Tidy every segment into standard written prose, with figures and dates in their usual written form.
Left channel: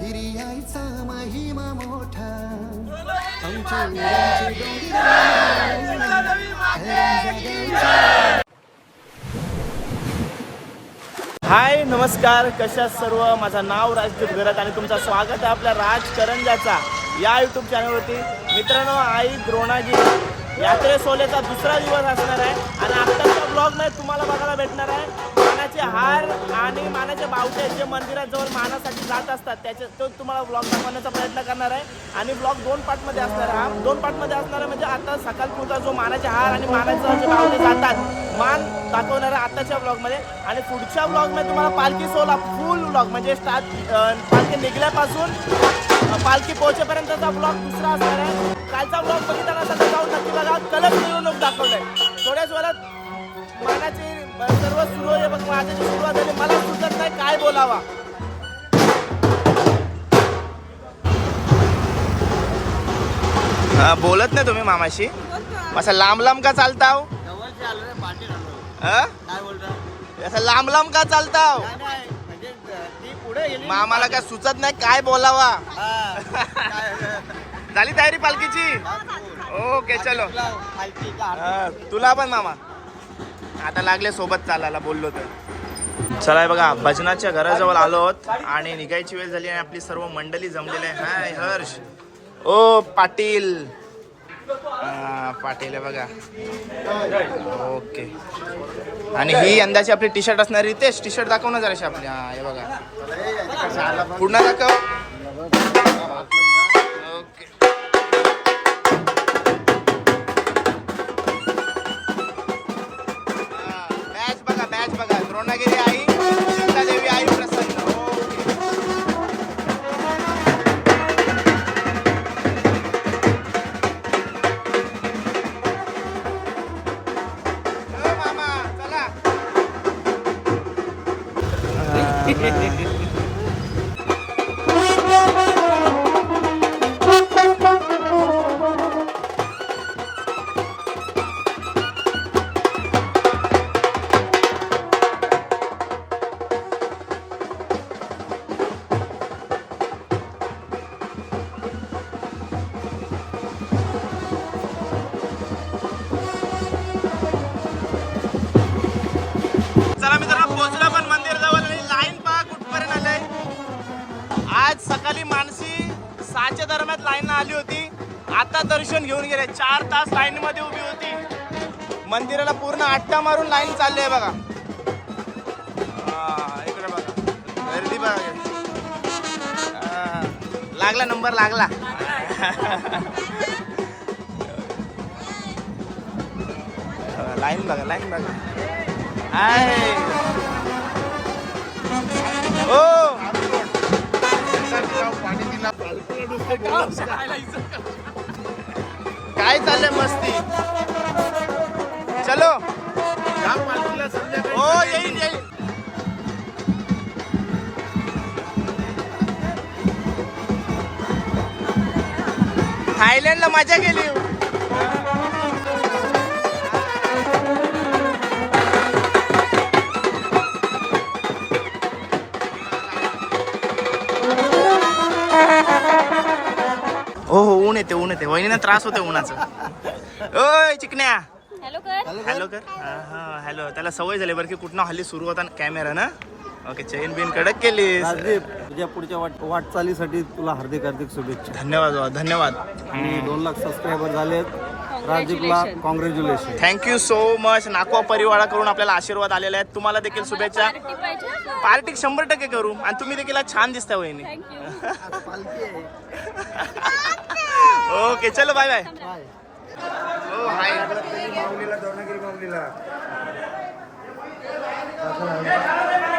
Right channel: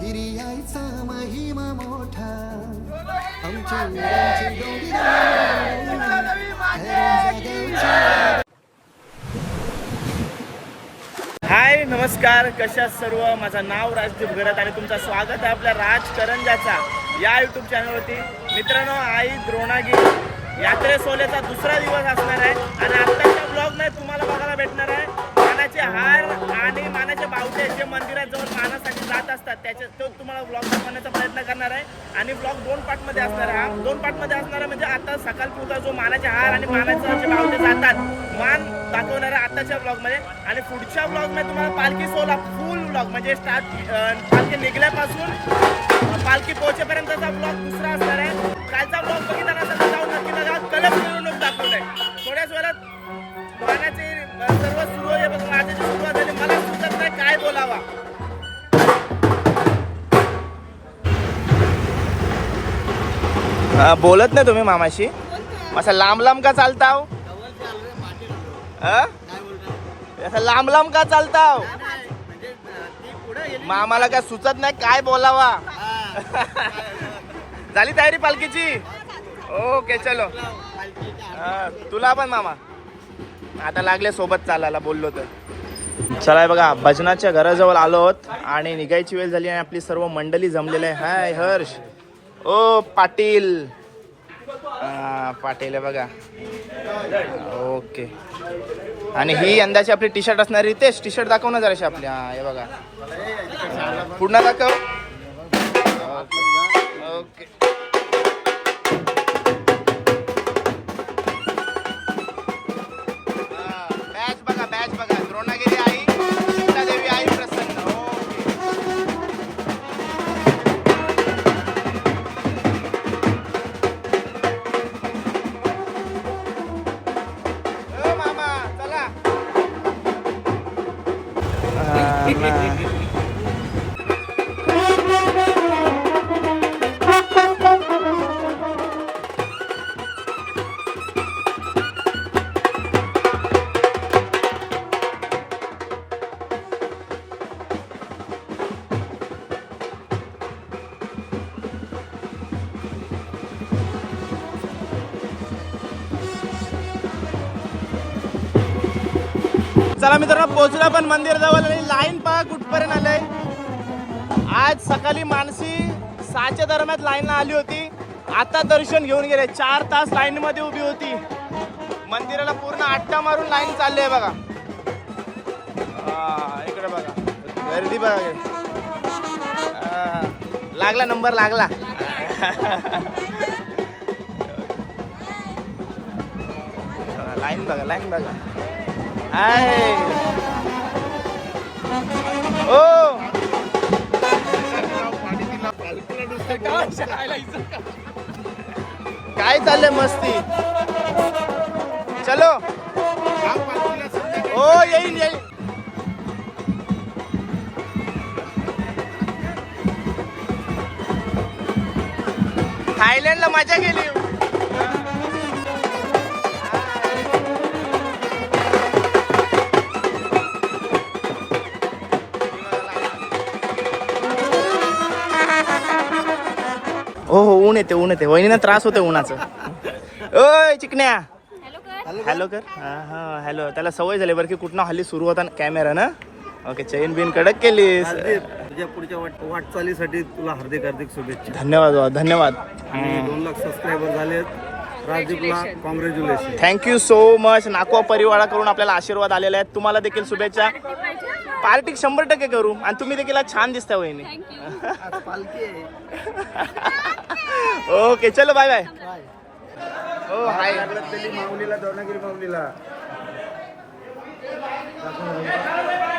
गिरियाचा महिमा मोठा आमच्या वीरांचे डोंगर हाय नमस्कार, कशा सर्व. माझं नाव राजदीप घरत आणि तुमचं स्वागत आहे आपल्या राजकरंजाचा या यूट्यूब चॅनलवरती. मित्रांनो, आई द्रोणागिरी यात्रे सोहळ्याचा दुसरा दिवस असणार आहे आणि आत्ताच्या ब्लॉगमध्ये तुम्हाला बघायला भेटणार आहे मानाचे हार आणि मानाचे बावटे जे मंदिराजवळ मानासाठी जात असतात त्याचे तो तुम्हाला ब्लॉग दाखवण्याचा प्रयत्न करणार आहे. आणि ब्लॉग दोन पार्टमध्ये असणार आहे. हा दोन पार्टमध्ये असणार आहे म्हणजे आता सकाळपुरता जो मानाचे हार आणि मानाचे जे बावटे जातात मान दाखवणार आहे आताच्या ब्लॉगमध्ये. आणि पुढच्या ब्लॉगमध्ये तुम्हाला पालखी सोहळा फुल ब्लॉग म्हणजे पालखी निघल्यापासून पालखी पोहोचेपर्यंतचा ब्लॉग दुसरा असणार आहे. कालचा ब्लॉग बघितला नसेल तर जाऊन नक्की बघा. कलर मिरवणूक दाखवलंय. थोड्याच वेळात मानाचे सर्व सुरू आहे. बघ माझ्याची सुरुवात झाली. मला सुचत नाही काय बोलावा. बोलत नाही तुम्ही मामाशी? असं लांब लांब का चालताव? असं लांब लांब का चालताव? मामाला काय सुचत नाही काय बोलावा. झाली तयारी पालखीची? ओके चलो. तुला पण मामा आता लागले सोबत चालायला बोललो तर. चला बघा, भजनाच्या घराजवळ आलो आहोत आणि निघायची वेळ झाली आणि आपली सर्व मंडळी जमलेली आहे. हाय हर्ष, ओ पाटील. पाटील आहे बघा. ओके. आणि ही यंदाची आपली टी शर्ट असणार. रितेश टी शर्ट दाखव ना जराशी आपली. हा हे बघा, पुन्हा दाखव. ओके. बॅच बघा. द्रोणागिरी आई, सीतादेवी आई प्रसन्न. ओके. ओ मामा चला. चला मित्रांनो, पोहोचला पण मंदिर जवळ आणि लाईन पहा कुठपर्यंत आलंय. आज सकाळी मानसी 6च्या दरम्यान लाईन आली होती. आता दर्शन घेऊन गेले. 4 तास लाईन मध्ये उभी होती. मंदिराला पूर्ण आट्टा मारून लाईन चालली आहे बघा. इकडे बघा गर्दी बघा. लागला नंबर लागला. लाईन बघा, लाईन बघा. आहे ओ काय चाललंय मस्ती. चलो. ओ येईन येईन. थायलंडला मजा गेली. हो ऊन येते ऊन येते. वहिनीला त्रास होते उन्हाचं. ओय चिकन्या हॅलो कर. हा हॅलो. त्याला सवय झाली बरं की कुठनं हल्ली सुरू होता कॅमेरा ना. ओके. चैन बिन कडक केलीस. तुझ्या पुढच्या वाटचालीसाठी तुला हार्दिक हार्दिक शुभेच्छा. धन्यवाद धन्यवाद. 2 लाख सबस्क्रायबर झालेत. राजदीपला कॉंग्रॅच्युलेशन. Thank you so much. नाकवा परिवाराकडून आपल्याला आशीर्वाद आलेले आहेत. तुम्हाला देखील शुभेच्छा. पार्टी 100% करू. आणि तुम्ही देखील छान दिसता वहिनी. ओके चलो बाय बाय. ओ हाय.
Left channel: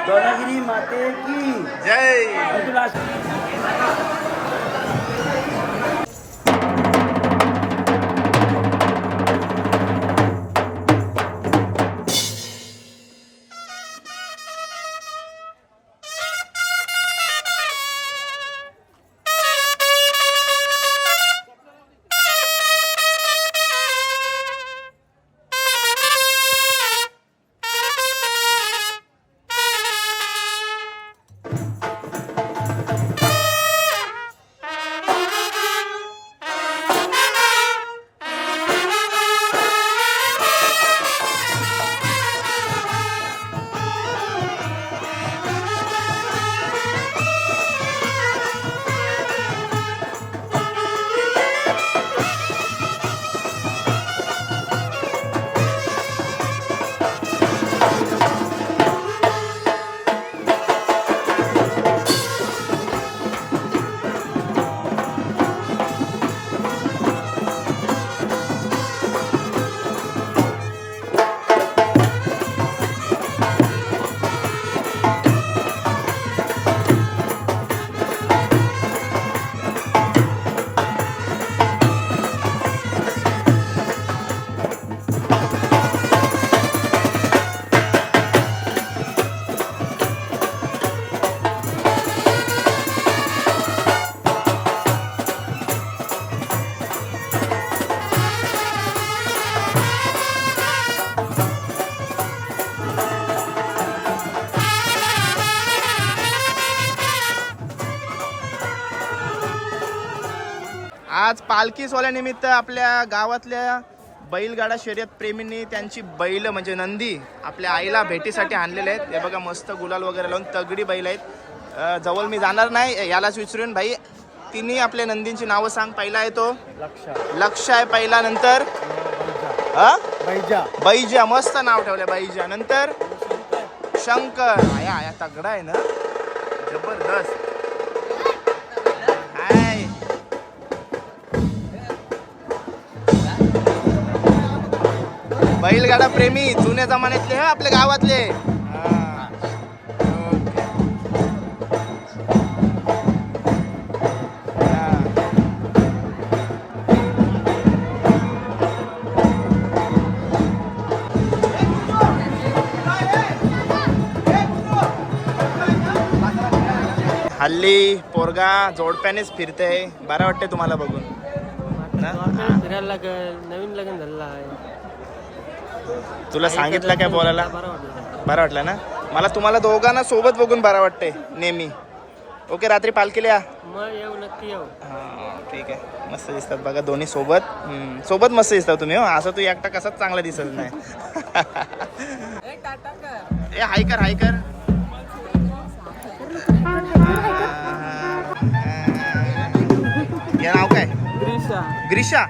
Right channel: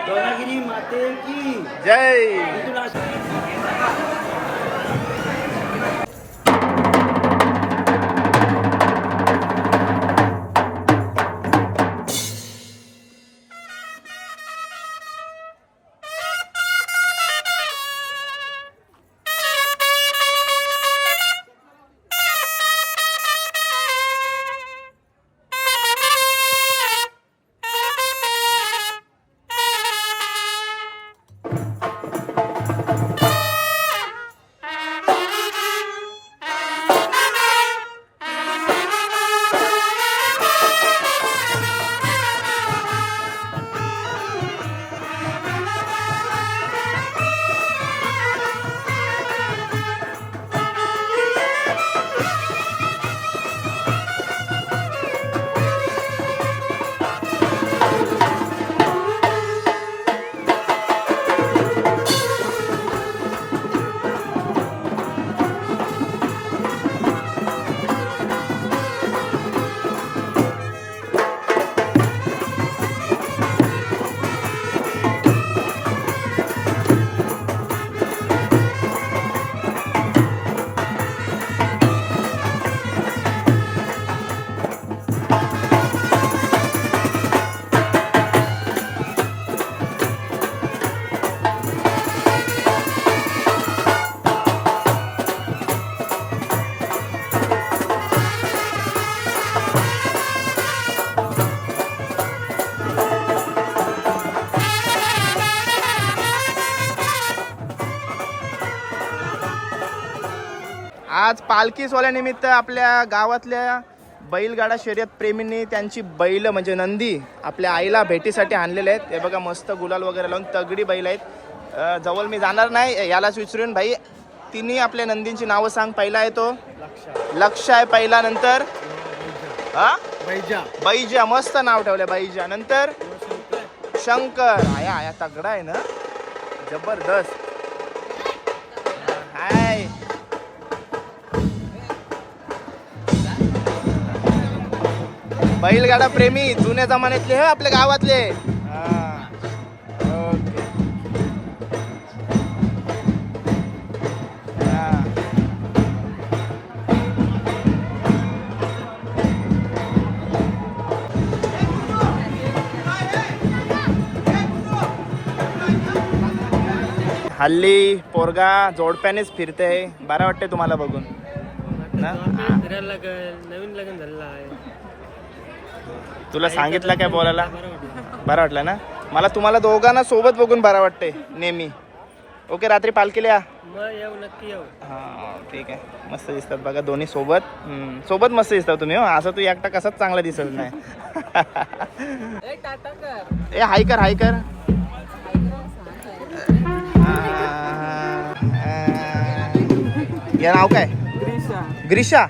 द्रोणागिरी माते की जय. आज पालखी सोहळ्यानिमित्त आपल्या गावातल्या बैलगाडा शर्यत प्रेमींनी त्यांची बैल म्हणजे नंदी आपल्या आईला भेटीसाठी आणलेले आहेत. हे बघा मस्त गुलाल वगैरे लावून तगडी बैल आहेत. जवळ मी जाणार नाही, यालाच विचारून भाई तिन्ही आपल्या नंदींची नावं सांग. पहिला आहे तो लक्ष आहे पहिला, नंतर बैजा, मस्त नाव ठेवलं बैजा. नंतर शंकर, आया आया तगडा आहे ना, जबरदस्त. हाय बैलगाडा प्रेमी जुन्या जमान्यातले हे आपल्या गावातले. ओके. हल्ली पोरगा जोडप्यानेच फिरते, बरं वाटते तुम्हाला बघून ना? नवीन लग्न झालेलं आहे. तुला सांगितलं काय बोलायला? बरं वाटलं ना? मला तुम्हाला दोघांना सोबत बघून बरं वाटते नेहमी. ओके, रात्री पालखीला या. मग येऊ, नक्की येऊ. हा ठीक आहे, मस्त दिसतात बघा दोन्ही सोबत. सोबत मस्त दिसतात तुम्ही. हो असं तू एकटा कसाच चांगला दिसत नाही. ए हाय कर, हाय कर. या नाव काय? ग्रीषा.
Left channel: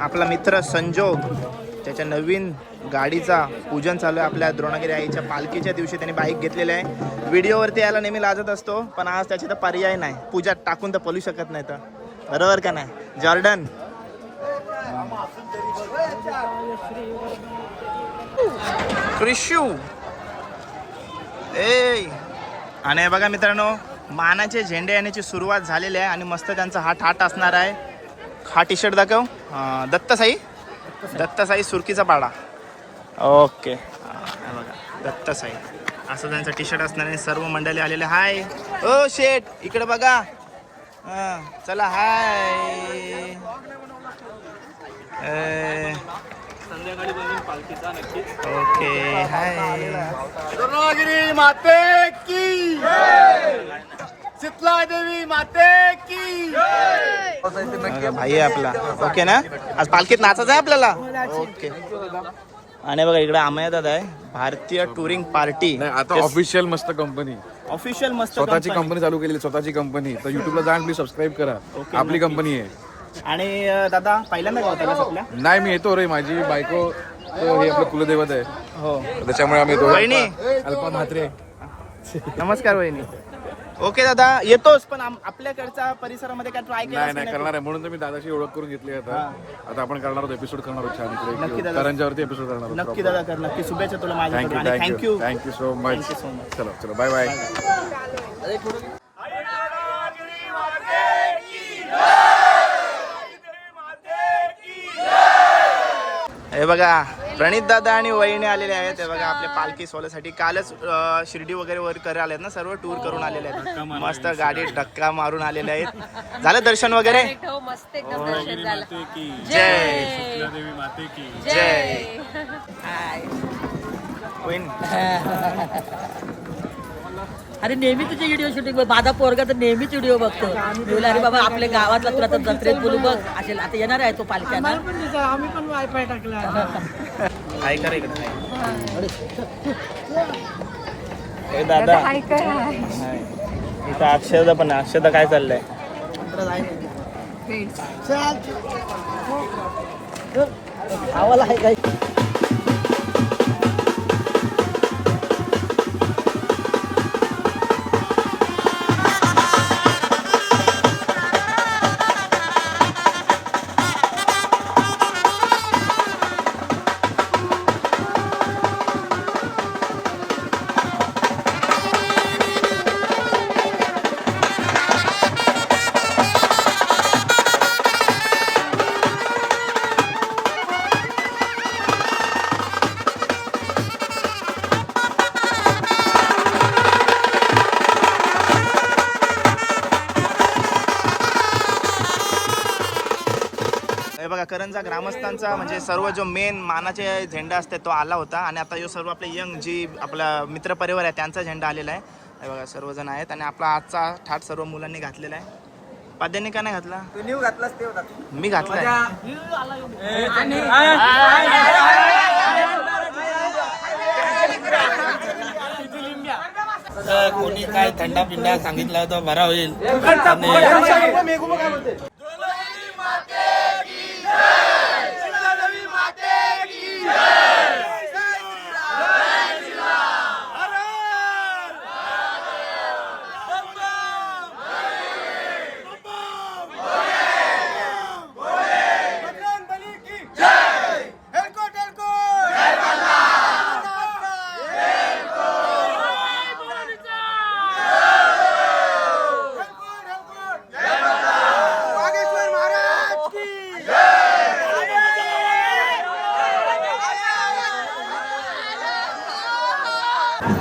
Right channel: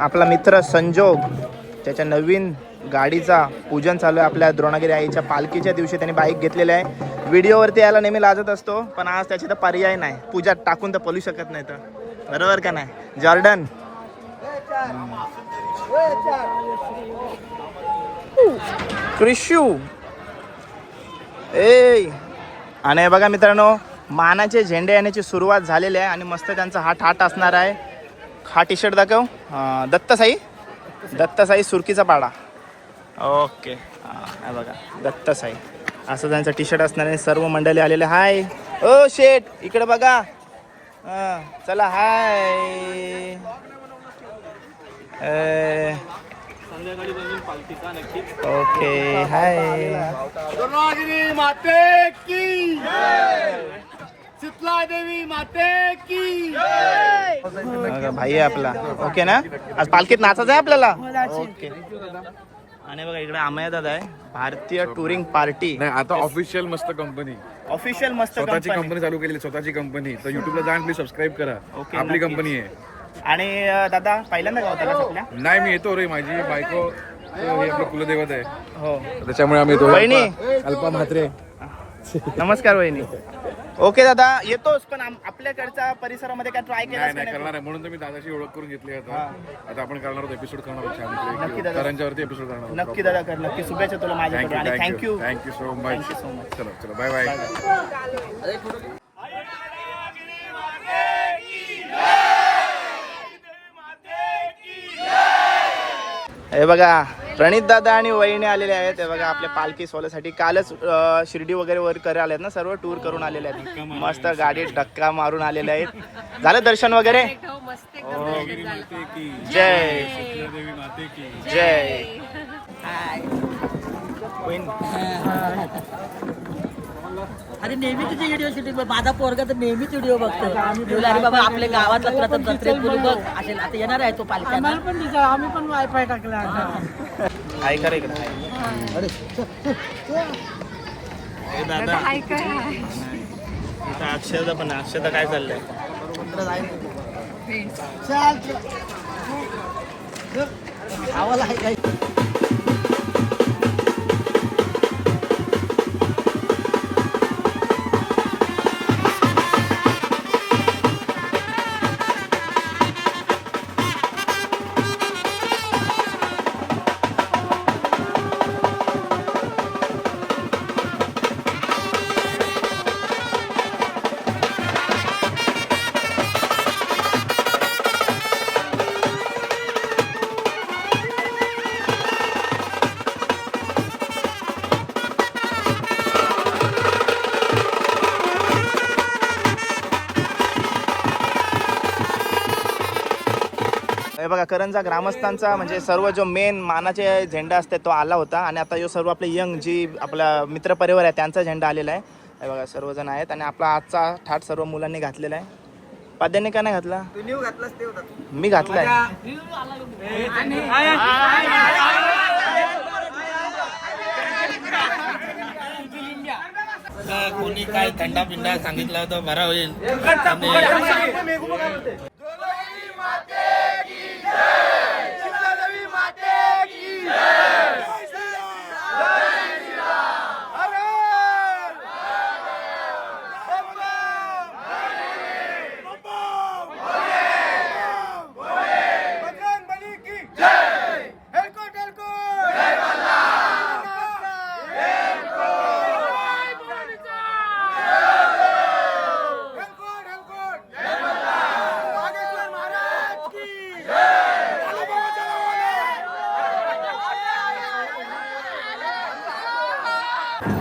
आपला मित्र संजोग त्याच्या नवीन गाडीचा पूजन चालू आहे. आपल्या द्रोणागिरी आईच्या पालखीच्या दिवशी त्यांनी बाईक घेतलेली आहे. व्हिडिओवरती यायला नेहमी लाजत असतो, पण आज त्याची तर पर्याय नाही. पूजात टाकून तर पळू शकत नाही, तर बरोबर का नाही जॉर्डन? क्रिशू ए. आणि हे बघा मित्रांनो, मानाचे झेंडे येण्याची सुरुवात झालेली आहे आणि मस्त त्यांचा हा ठाट असणार आहे. हा टी शर्ट दाखव. दत्तसाई सुरकीचा पाडा. ओके, हा बघा दत्तसाई असं त्यांचा टी शर्ट असणार आहे. सर्व मंडळी आलेले. हाय ओ शेठ, इकडे बघा. चला हाय. Okay hi. द्रोणागिरी माते की, शीतला देवी माते की. भाई आहे आपला. ओके ना, आज पालखीत नाचायचं आहे आपल्याला. ओके. आणि बघा इकडे अमया दादा आहे, भारतीय टुरिंग पार्टी. आता ऑफिशियल मस्त कंपनी, ऑफिशियल मस्त स्वतःची कंपनी चालू केली, स्वतःची कंपनी. तर युट्यूबला जाऊन प्लीज सबस्क्राईब करा. ओके, आपली नक्की. कंपनी आहे. आणि दादा पहिल्यांदा का होता आपल्या? नाही, मी येतो रे, माझी बायको हे आपलं कुलदैवत आहे, हो त्याच्यामुळे आम्ही येतो. वहिनी अल्पा म्हात्रे. नमस्कार वहिनी. ओके दादा येतोस, पण आपल्याकडच्या परिसरामध्ये काय ट्राय केलं नाही करणार आहे, म्हणून तर मी दादाशी ओळख करून घेतली. आता आपण करणार आहोत एपिसोड, करणार आहोत छान नक्की इकडे दादा. करंजावरती एपिसोड करणार आहोत. नक्की दादा कर, नक्की. शुभेच्छा तुला माझ्याकडून आणि thank you. Thank you so much. Thank you so much. चलो चलो, बाय बाय. हे बघा प्रणित दादा आणि वहिनी आलेले आहेत. हे बघा आपल्या पालखी सोहळ्यासाठी कालच शिर्डी वगैरे वर करे आलेत ना, सर्व टूर करून आलेले आहेत. मस्त गाडीत धक्का मारून आलेले आहेत. झालं दर्शन वगैरे? जय जय. अरे नेहमी तुझे व्हिडिओ शूटिंग, माझा पोरगा तर नेहमीच व्हिडिओ बघतो. मी बोलला अरे बाबा आपल्या गावातला तुला तर जत्रेत बोलू बघ. असेल आता येणार आहे तो पालख्याना. आम्ही पण वायफाय टाकला. हाय कर इकडे हाय. दादा अक्षयदा पण अक्षयदा काय चाललंय हे बघा करंजा ग्रामस्थांचा म्हणजे सर्व जो मेन मानाचे झेंडा असते तो आला होता आणि आता जो सर्व आपले यंग जी आपला मित्रपरिवार आहे त्यांचा झेंडा आलेला आहे. हे बघा सर्वजण आहेत आणि आपला आजचा थाट सर्व मुलांनी घातलेला आहे. पाद्यांनी का नाही घातला? मी घातलाय. कोणी काय थंडा पिंडा सांगितला होता बरा होईल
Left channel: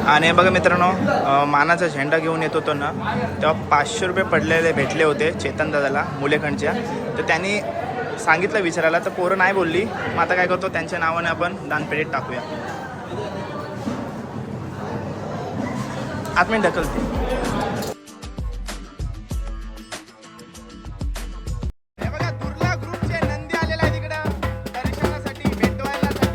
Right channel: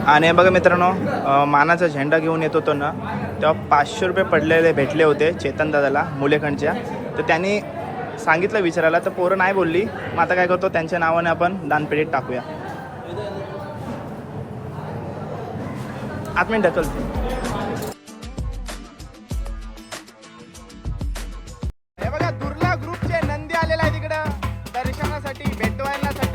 आणि बघा मित्रांनो मानाचा झेंडा घेऊन येत होतो ना तेव्हा 500 रुपये पडलेले भेटले होते चेतन दादाला मुलेखंडच्या. तर त्यांनी सांगितलं विचारायला तर पोरं नाही बोलली. मग आता काय करतो त्यांच्या नावाने आपण दानपेटीत टाकूया. आतमध्ये ढकलते. हे बघा दुर्ला ग्रुपचे नंदी आलेला आहे तिकडं दर्शनासाठी भेटवायलासाठी.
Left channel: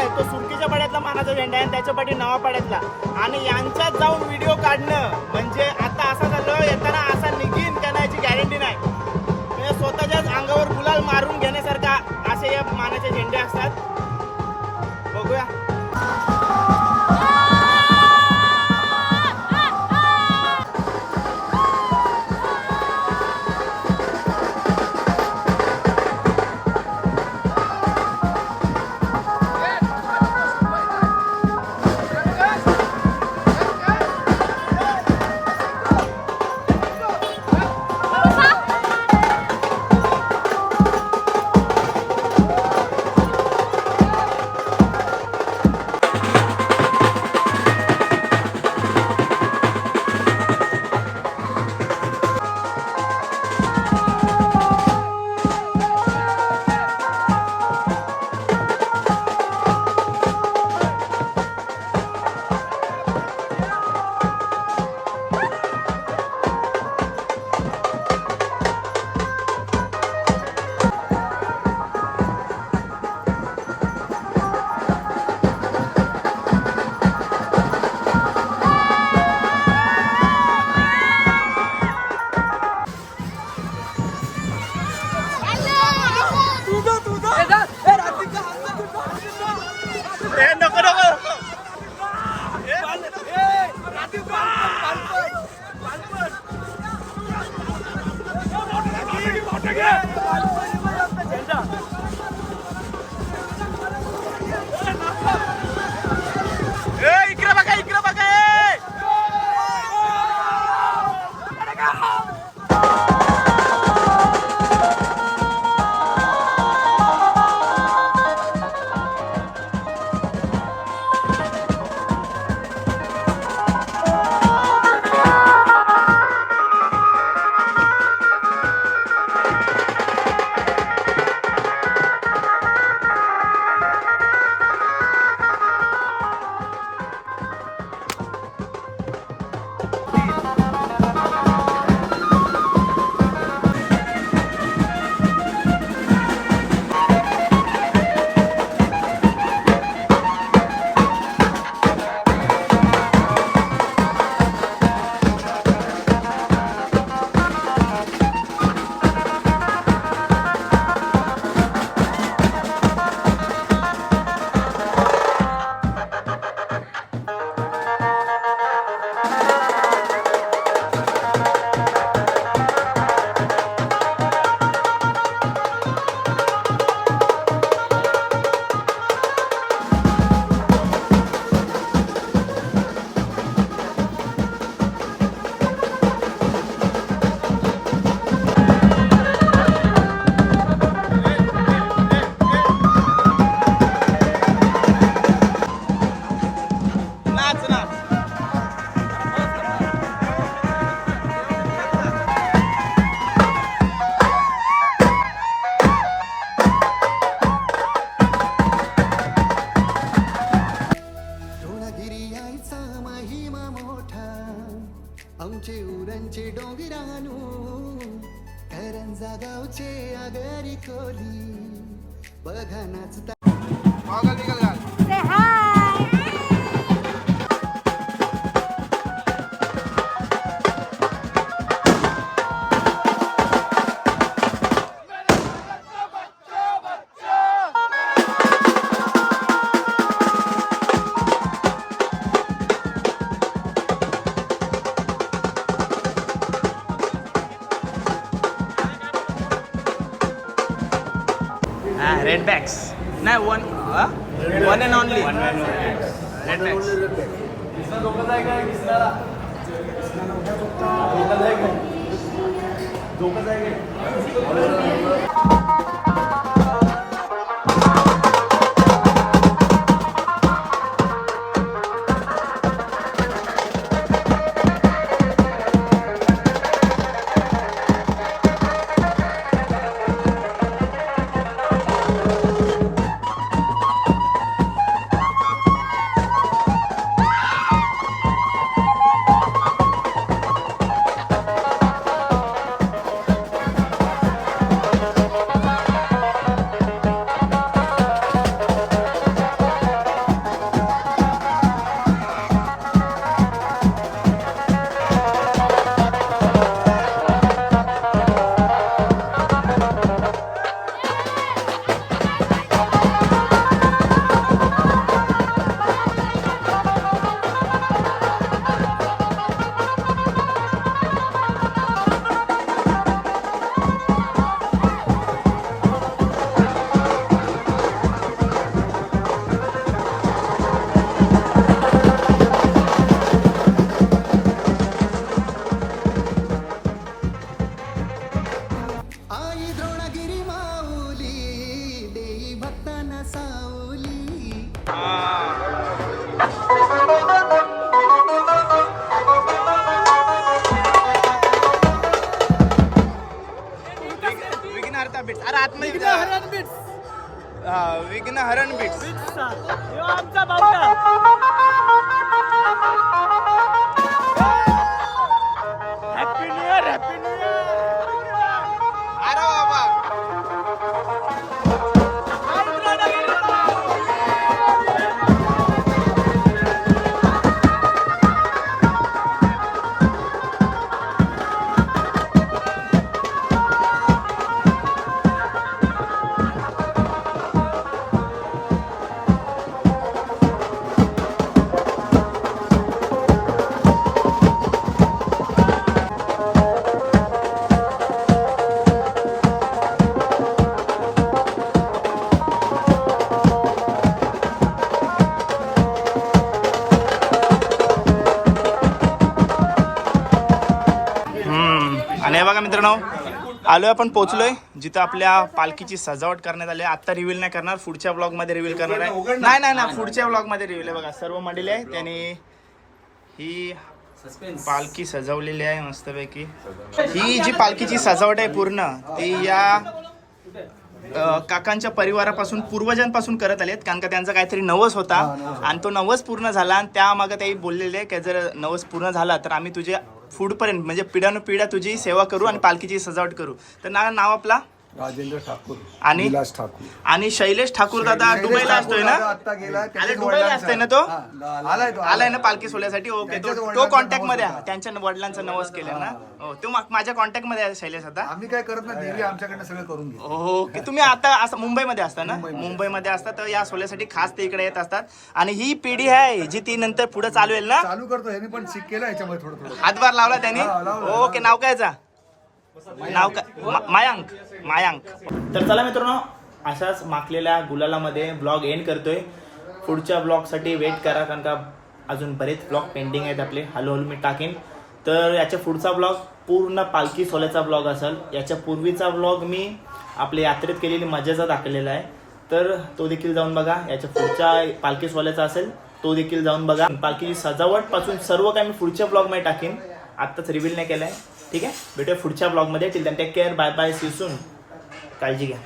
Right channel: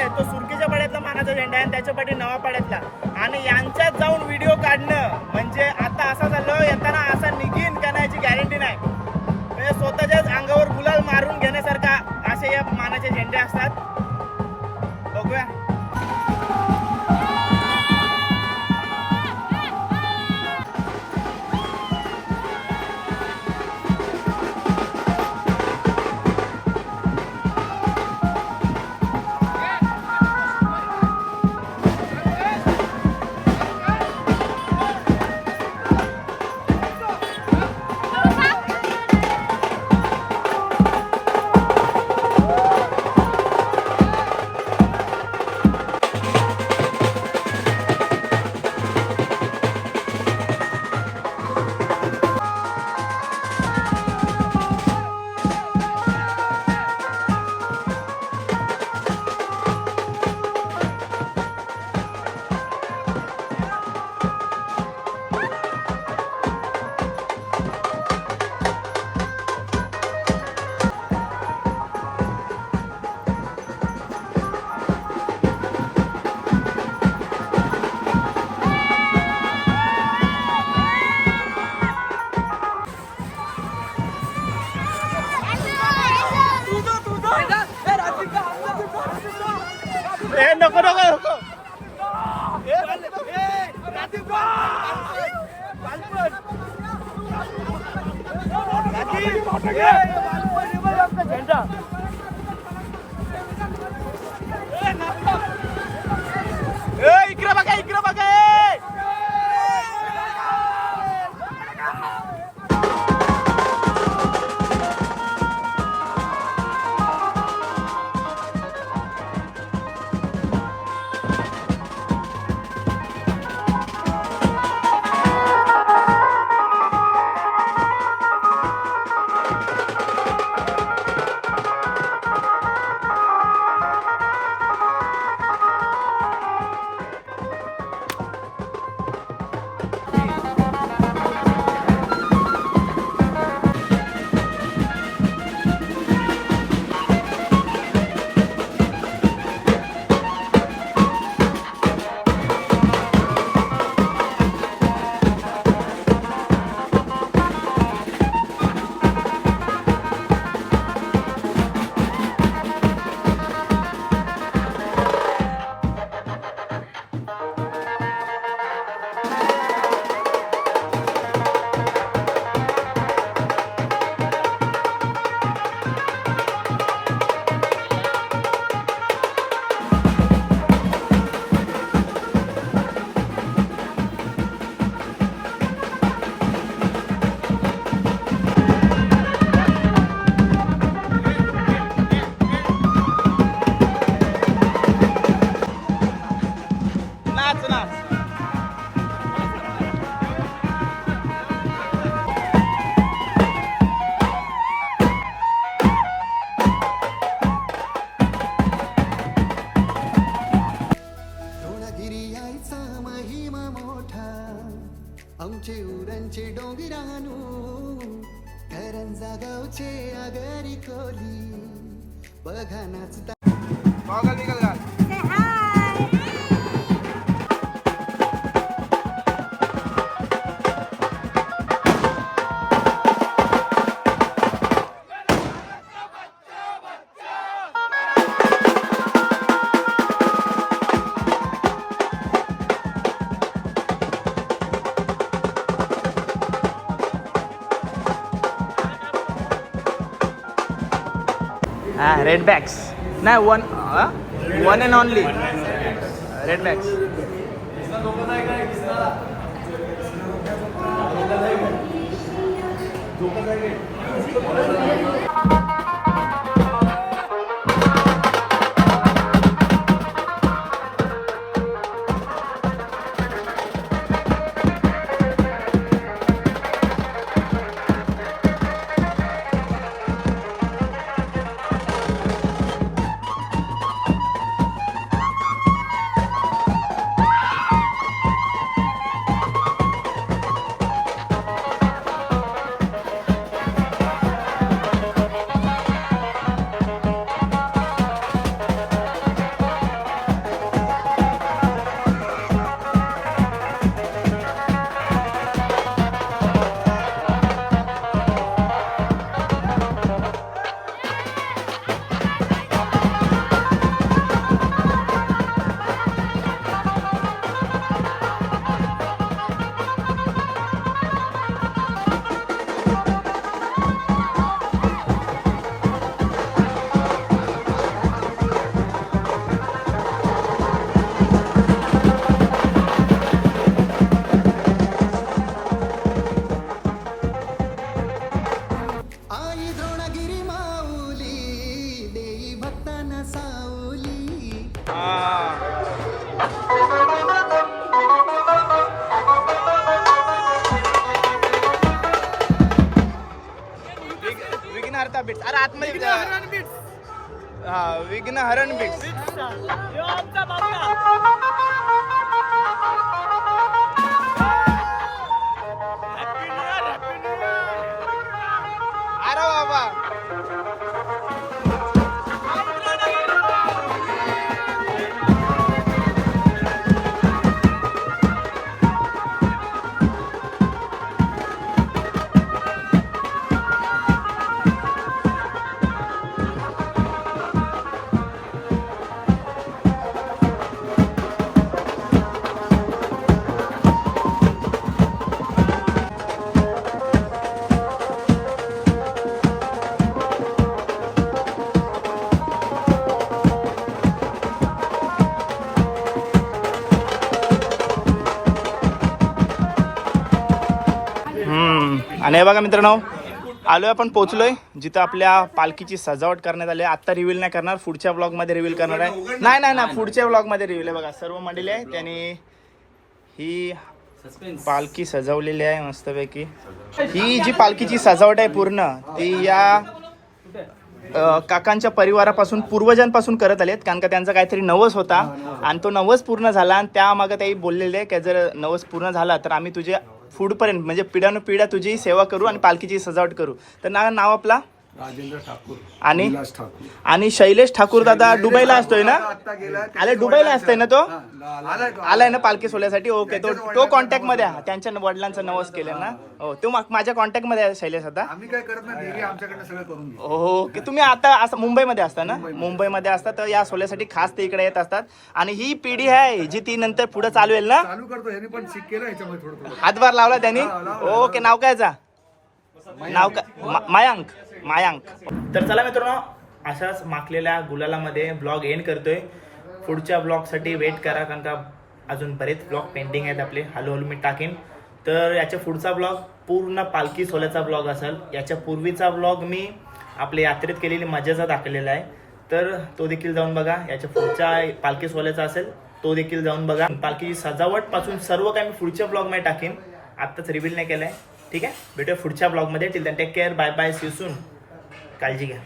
आहे तो सुरकीच्या पाड्यातला मानाचा झेंडा आहे आणि त्याच्या पाठी नवा पाड्यातला. आणि यांच्यात जाऊन व्हिडिओ काढणं म्हणजे आता असं झालं येताना असा निघीन का नाही याची गॅरंटी नाही. म्हणजे स्वतःच्याच अंगावर गुलाल मारून घेण्यासारखा असे या मानाचे झेंडे असतात. बघूया. नको नको नको. इकडे बघा इकडे बघा. आमचे उरणचे डोंगरानू करंजा गावचे आगरी कोली बघा नाचता. रेड बॅग्स नाही one and only red bags. विघ्नहर्ता बीट्स. अरे आतमध्ये हा विघ्नहरण बीट्स. अरे बाबा आणि हे बघा मित्रांनो, आलोय आपण पोहोचलोय जिथं आपल्या पालखीची सजावट करण्यात आली आहे. आत्ता रिव्हील नाही करणार, पुढच्या ब्लॉग मध्ये रिव्हील करणार आहे. नाही पुढच्या ब्लॉग मध्ये रिव्हील आहे. बघा सर्व मंडळी आहे, त्याने ही पालखी सजवलेली आहे मस्तपैकी. ही जी पालखीची सजावट आहे पूर्ण ती या काकांच्या परिवारापासून पूर्वजांपासून करत आलेत, कारण का त्यांचा काहीतरी नवस होता आणि तो नवस पूर्ण झाला. आणि त्यामागे त्याही बोललेले आहे की जर नवस पूर्ण झाला तर आम्ही तुझे पुढपर्यंत म्हणजे पिढ्यानुपिढ्या तुझी सेवा करू आणि पालखीची सजावट करू. तर नाव आपला राजेंद्र ठाकूर आणि आणि शैलेश ठाकूर दादा दुबईला असतोय ना? अरे दुबईला असतोय ना तो? आलाय ना पालखी सोहळ्यासाठी. ओके, तो कॉन्टॅक्ट मध्ये आहे. त्यांच्या वडिलांचा नवस केलं ना. हो, तो माझ्या कॉन्टॅक्ट मध्ये आहे शैलेश. आता आम्ही काय करत नाही, देवी आमच्याकडनं सगळं करून घेऊ. ओके, तुम्ही आता असं मुंबईमध्ये असता ना? मुंबईमध्ये असता तर या सोहळ्यासाठी खास ते इकडे येत असतात. आणि ही पिढी आहे जी ती नंतर पुढे चालू येईल ना. चालू करतो ह्याने पण शिक केलं याच्यामध्ये थोडं थोडं. हातभार लावला त्यांनी. ओके, नाव काय नाव काय? मायांक. तर चला मित्रांनो, अशाच माखलेल्या गुलालामध्ये ब्लॉग एंड करतोय. पुढच्या ब्लॉगसाठी वेट करा, कारण का अजून बरेच ब्लॉग पेंडिंग आहेत आपले. हळूहळू मी टाकेन. तर याच्या पुढचा ब्लॉग पूर्ण पालखी सोहळ्याचा ब्लॉग असेल. याच्या पूर्वीचा ब्लॉग मी आपल्या यात्रेत केलेली मजाचा दाखवलेला आहे, तर तो देखील जाऊन बघा. याच्या पुढच्या पालखी सोहळ्याचा असेल तो देखील जाऊन बघा. पालखीची सजावट पासून सर्व काही मी पुढच्या ब्लॉगमध्ये टाकेन. आत्ताच रिव्हील नाही केलं आहे. ठीक आहे, भेटूया पुढच्या ब्लॉगमध्ये. Till then take care, bye bye, see you soon. काळजी घ्या.